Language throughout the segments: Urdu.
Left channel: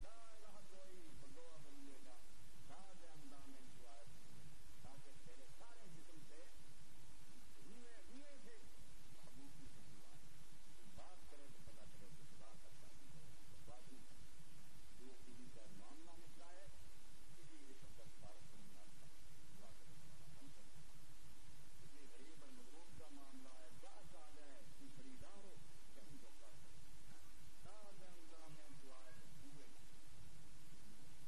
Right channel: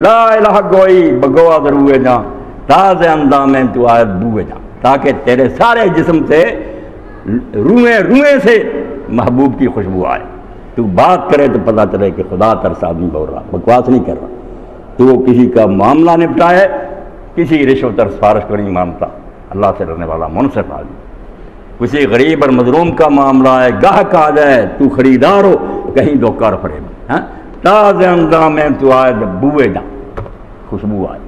لا الہ گوئی بگوا دروے جا تاز اندامیں تو آیت بوے جا، تاکہ تیرے سارے جسم سے روئیں سے محبوب کی خوشبو آئے۔ تو بات کرے تو پتہ چلے کہ خدا ترس آدمی بول رہا، بکواس نہیں کر رہا۔ تو وہ کسی کا معاملہ نپٹائے، کسی رشوت اور سفارش کو نہیں مانتا، اللہ سے ڈرنے والا منصف آدمی۔ کسی غریب اور مظلوم کا معاملہ ہے، گاہک آ جائے تو خریدار ہو، کہیں دھوکہ اور فریب، تازہ اندامیں تو آئے بوئے جا، خوشبو آئے۔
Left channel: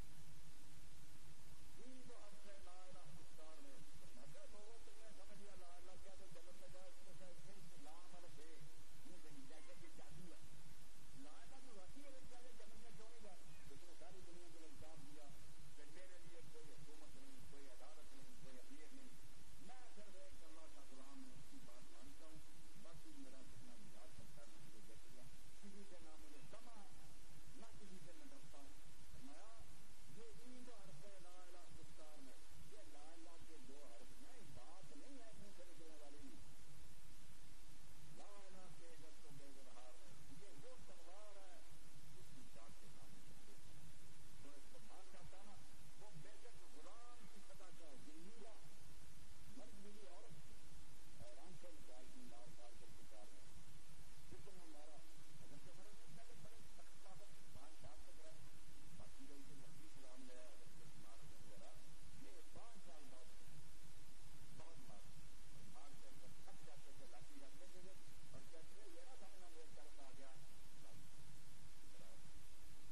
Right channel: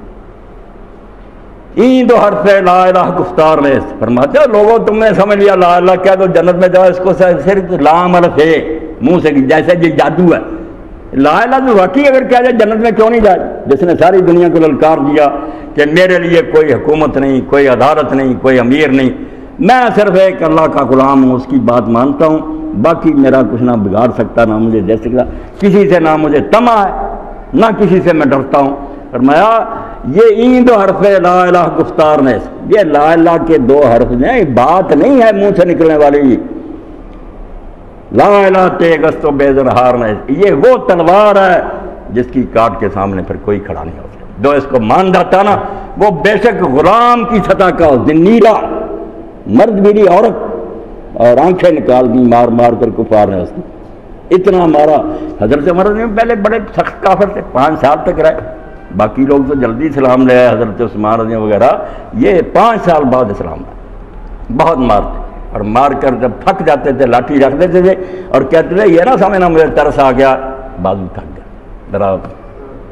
این دو حرف لا الہ گفتار میں فرماتے ہو لوگوں تم نے سمجھ لیا لا الہ کہہ دو جنت میں جاؤ، اس کو صرف لام الف ہے منہ سے جیسے یہ جادو ہے۔ لا الہ تو واقعی اگر کہہ جائے جنت میں کیوں نہیں جائے؟ جس نے ساری دنیا کو للکار دیا کہ میرے لیے کوئی حکومت نہیں، کوئی عدالت نہیں، کوئی امیر نہیں، میں صرف ایک اللہ کا غلام ہوں، اس کی بات مانتا ہوں، باقی میرا کچھ نہ بگاڑ سکتا نہ مجھے دے سکتا، کسی سے نہ مجھے طمع ہے نہ کسی سے میں ڈرتا ہوں۔ فرمایا یہ این دو حرف لا الہ گفتار میں، یہ لا الہ کے دو حرف ہیں، بات نہیں ہے منہ سے نکلنے والی۔ لا الہ تیغ است و بے زرہار میں، یہ وہ تلوار ہے جس کی کاٹ کے سامنے پھر کوئی کھڑا نہیں ہو سکتا۔ جو اس کو مان جاتا نا وہ بے شک غلام کی سطح کا زنیرہ، مرد میری عورت اور آنکھیں نکال دی مار مار کر کفار نے اس کو اتنا مارا۔ حضرت عمر نے پہلے بڑے سخت کافر تھے، 5 سال تک رہے، باقی لوگ تو جلدی اسلام لے آئے، حضرت عثمان رضی وغیرہ، یہ 5 سال بعد اسلام لائے۔ بہت مارتے اور مار کر جب تھک جاتے تھے لاٹھی رکھ دیتے تھے اور کہتے تھے یہ نہ سمجھنا مجھے ترس آ گیا، بازو تھک گیا، ذرا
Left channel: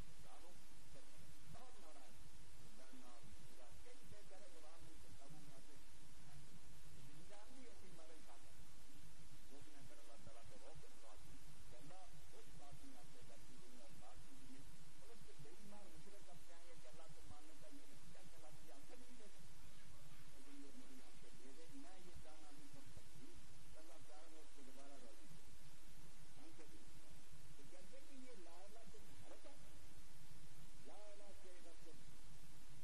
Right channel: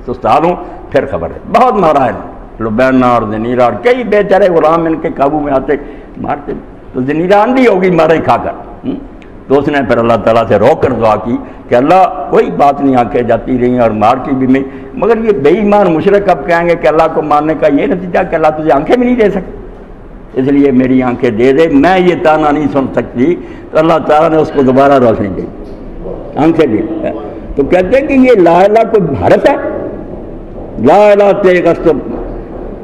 سستال ہوں پھر خبر ہے۔ بہت مارا ہے، لبینہ اور زنیرہ اور کئی بیچارے غلام ان کے قابو میں آتے مارتے، تو زنیرہ اندھی ہوگی مارے کھا کر۔ تو اس نے پھر اللہ تعالیٰ سے رو کر دعا کی کہ اللہ کوئی بات نہیں، آنکھیں جاتی رہیں اور مار کی بھی نہیں، مگر یہ بے ایمان مشرک اب کہیں گے کہ اللہ کو ماننے کا یہ نتیجہ کہ اللہ تجھے آنکھیں بھی نہیں دے سکتے، اس لیے میری آنکھیں دے دے، میں یہ تانا نہیں سن سکتی۔ تو اللہ تعالیٰ نے اس کو دوبارہ روشنی دی، آنکھیں دی۔ تو کہتے ہیں کہ یہ لا الہ کوئی حرف ہے، لا الہ تیغ است و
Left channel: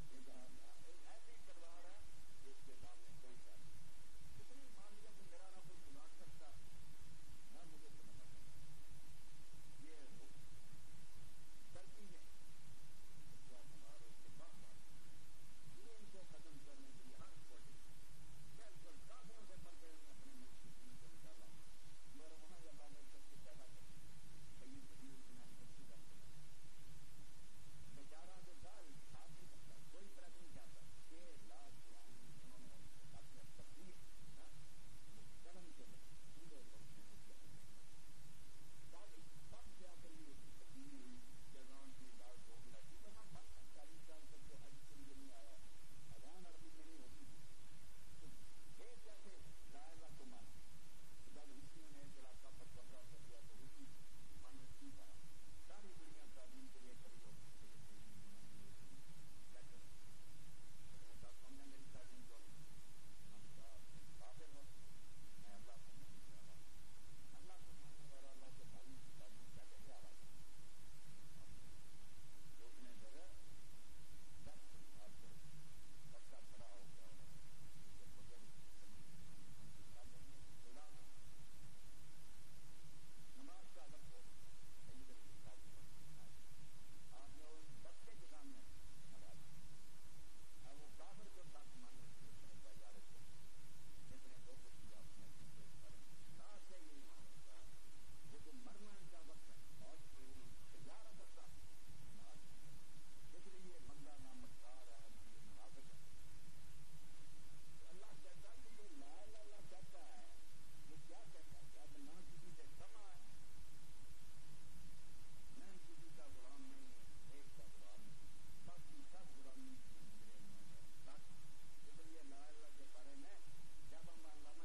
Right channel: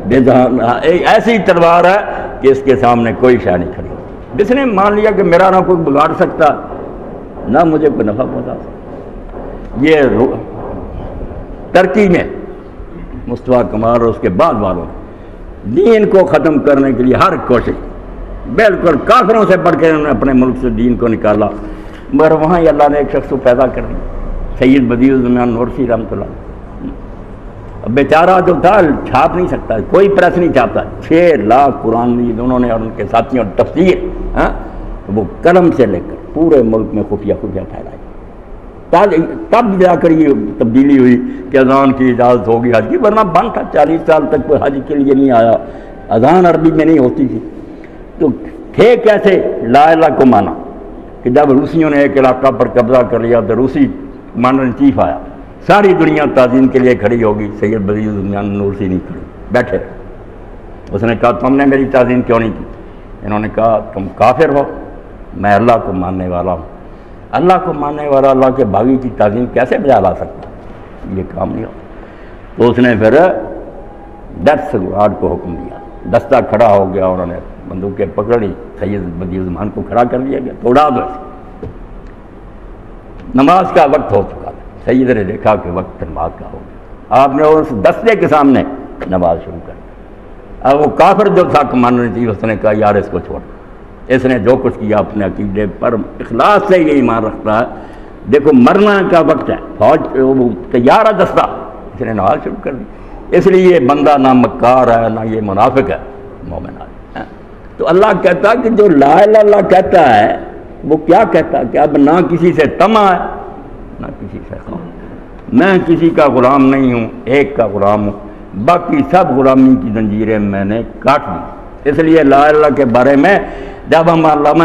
بے زرہار، ایسی تلوار ہے کہ اس کے سامنے کوئی شے نہیں کھڑی۔ جس نے مان لیا کہ میرا نہ کوئی بگاڑ سکتا نہ مجھے کوئی نفع پہنچا سکتا، یہ ترکی میں مصطفیٰ کمال اور اس کے بعد والوں دین کو ختم کرنے کے لیے ہر کوشش، بالکل کافروں سے بڑھ کے انہوں نے اپنے ملک سے دین کو نکالا، مگر وہاں ہی اللہ نے ایک شخص کو پیدا کر دیا، سید بدیع الزمان نورسی رحمۃ اللہ۔ اب بیچارہ جو تھا چھاپ نہیں سکتا، کوئی پریس نہیں چھاپتا، 6 لاکھ قرآن مجید انہوں نے اور ان کے ساتھیوں تفسیر وہ قلم سے لے کر پورے ملک میں خفیہ پھیلائی۔ تب جا کر یہ تبدیلی ہوئی کہ اذان کی اجازت ہوگی حج کی، ورنہ بند تھا، 40 سال تک کوئی حج کے لیے نہیں آیا، اذان عربی میں نہیں ہوتی تھی۔ تو تھے کیسے لا الہ کو مانا کہ جب روسیوں نے ایک علاقہ پر قبضہ کر لیا تو روسی کمانڈر ان چیف آیا، ساری دنیا تعظیم کے لیے کھڑی ہوگی، سید بدیع الزمان نورسی نہیں کھڑی، بیٹھے رہے۔ اس نے کہا تم نے میری تعظیم کیوں نہیں کی؟ انہوں نے کہا تم کافر ہو، میں اللہ کو ماننے والا ہوں، اللہ کو ماننے والا اللہ کے باغی کی تعظیم کیسے بجا لا سکتا؟ یہ کام نہیں ہوتا۔ تو اس نے پھر ڈیتھ سکواڈ کو حکم دیا، دستہ کھڑا ہو گیا، انہوں نے بندوقیں پکڑی، سید بدیع الزمان کو کھڑا کر دیا گیا، توڑا دو۔ نماز کا وقت ہو چکا تھا، سید نے دیکھا کہ وقت نماز کا ہو گیا، آپ نے اس دستے کے سامنے نماز شروع کر دی۔ اب وہ کافر جو تھا کمانڈر تھی، اس نے کہا یار اس کو چھوڑ، اس نے جو کچھ کیا اپنے عقیدے پر اخلاص سے یہ ایمان رکھتا ہے، دیکھو مرنا کا وقت ہے، فوج وہ تیار ہے دستہ، اس نے نماز شروع کر دی۔ اس لیے یہ بندہ نہ مکار ہے نہ یہ منافق ہے، مومن ہے۔ تو اللہ کہتا ہے کہ جو لا الہ الا اللہ کہتا ہے وہ کیا کہتا ہے کہ اب نہ کسی سے طمع ہے نہ کسی سے خوف، میں کسی کا غلام نہیں ہوں، ایک کا غلام ہوں، باقی سب غلامی کی زنجیریں میں نے کاٹ دی۔ اس لیے لا الہ کے بارے میں جب ہم علامہ